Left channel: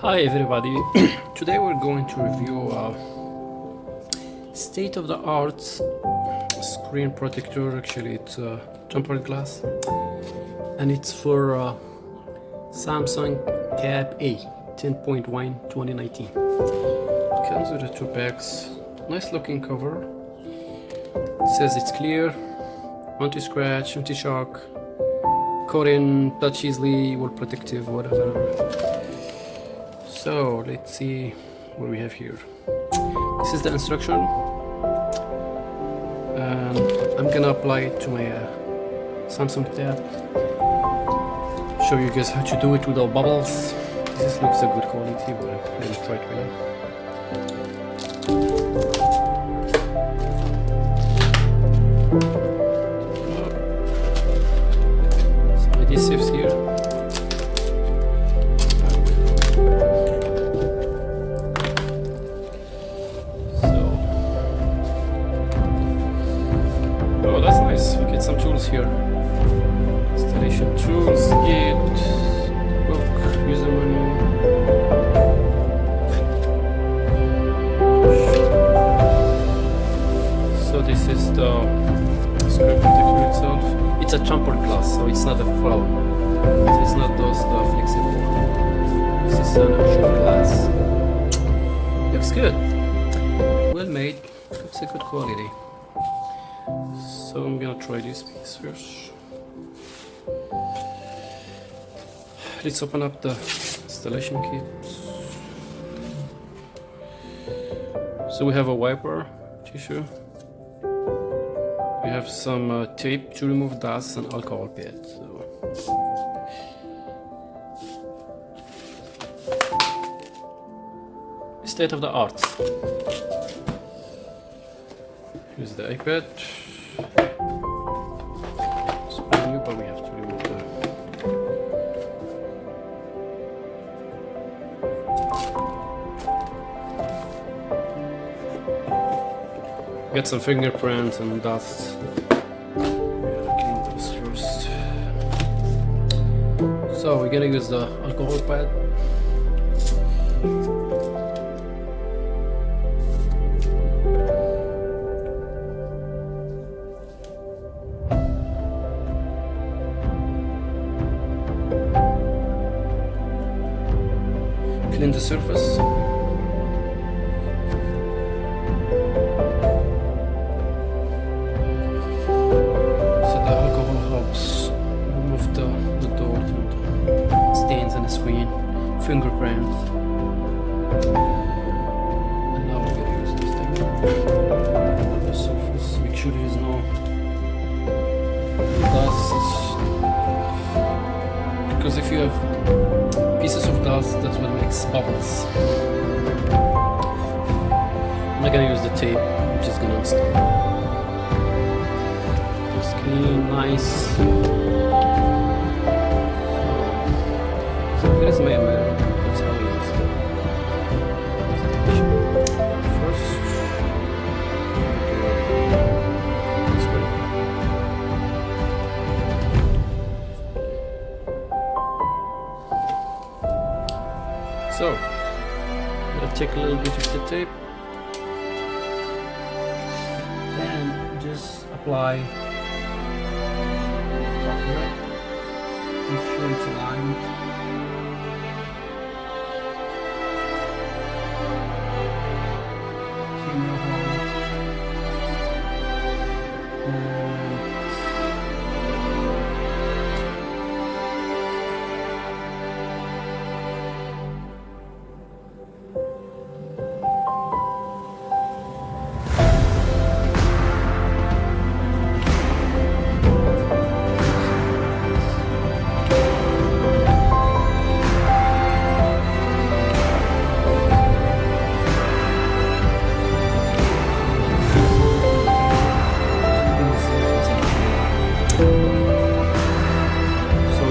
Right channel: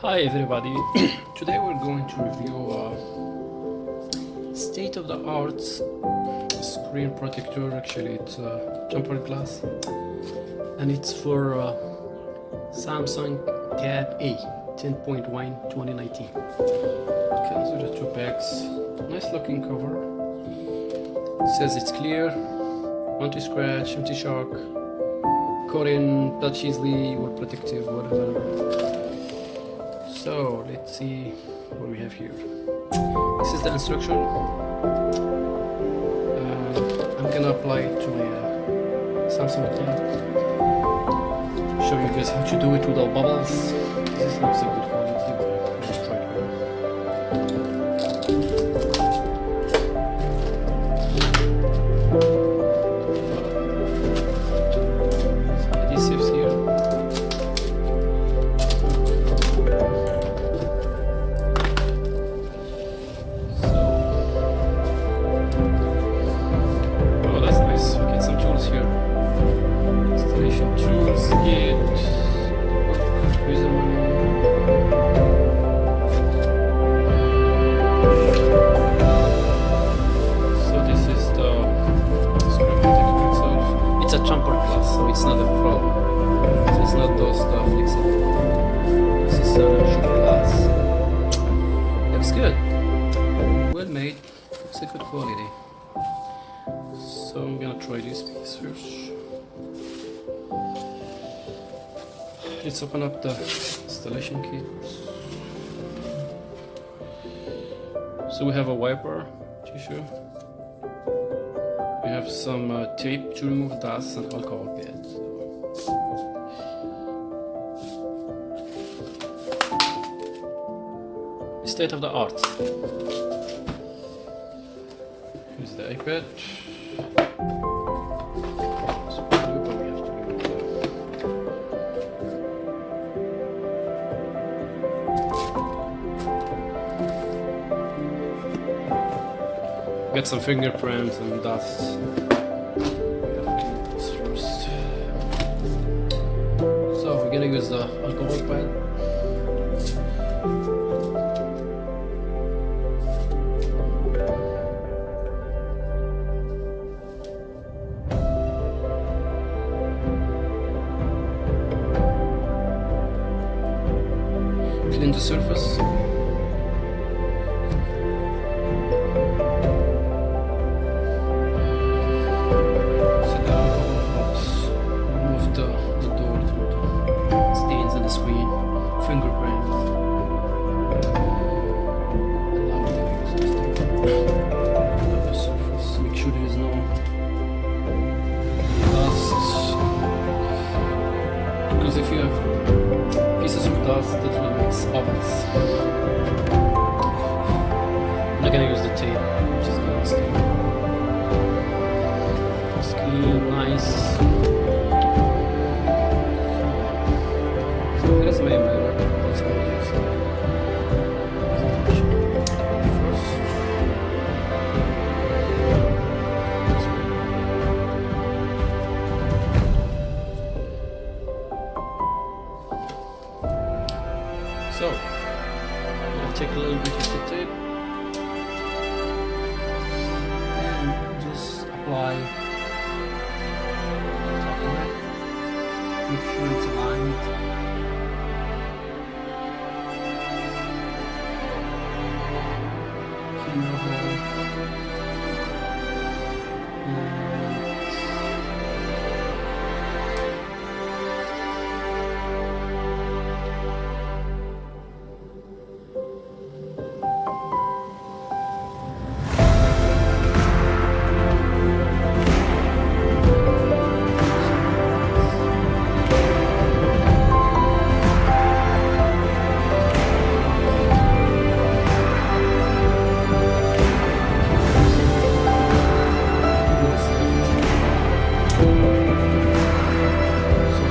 Hi everybody, today we're going to review state-of-the-art screen protector. Actually it's tempered glass and it's for Samsung Tab A 10.1 2019. It comes with the two packs. Nice looking cover. It says it's clear, anti-scratch, anti-shock, coat in, touch easily, well protective, whatever. So let's see what we have here. This is the instruction, and I'm gonna apply it to my Samsung Tab. Show you guys how to do it without bubbles. This looks a good quality, but let's try it here. Some adhesives here. Oh, that's nice. We get some tools here. Installation tools, guide, book, user manual. So this is the screen protector itself. It's a tempered glass, so it's not a foam. So it's not those flexible. This is an actual glass. Looks good. Well made. Looks a good quality. So I'm gonna try this piece first. Let's open up the installation kit. So we have a wiper tissue. We have some tape to remove dust and alcohol pad. State of the art. Here's the iPad. It's brand new, but we have to remove that. Get some fingerprints and dust. We gotta clean this first. So we're gonna use the alcohol pad. Clean the surface. So the alcohol helps remove the door stains on the screen, fingerprint. And now we're gonna use this thing. Clean up the surface. Make sure there is no dust, because if you have pieces of dust, that will make bubbles. I'm not gonna use the tape, I'm just gonna install. It's clean, nice. So here's my mirror, that's how I use it. First, this way. So, I'm going to take a little bit of the tape and just apply the top of it. Make sure it's aligned. Fill your hole.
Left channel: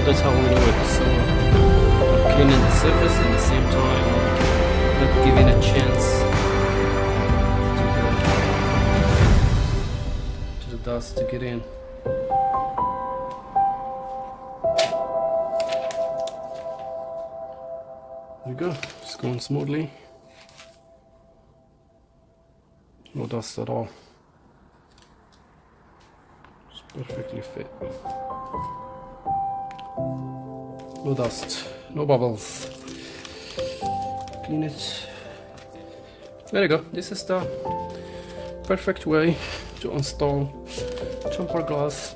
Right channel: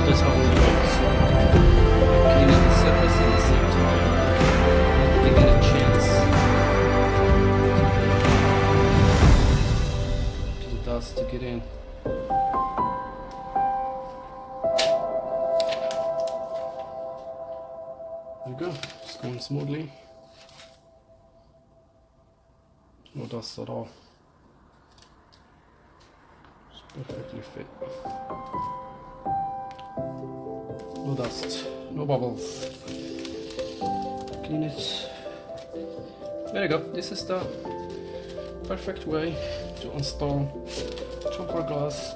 That's how we do it. So cleaning the surface and at the same time not giving a chance to the dust to get in. you go, it's going smoothly. No dust at all. It's perfectly fit. No dust, no bubbles. Clean it. There you go. This is the perfect way to install jumper glass.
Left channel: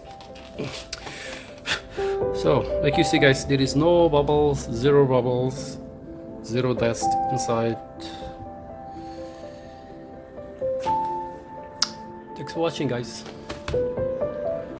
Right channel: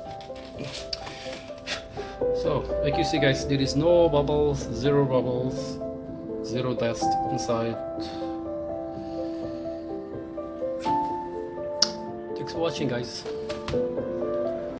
So, like you see guys, there is no bubbles, zero dust inside. Thanks for watching guys.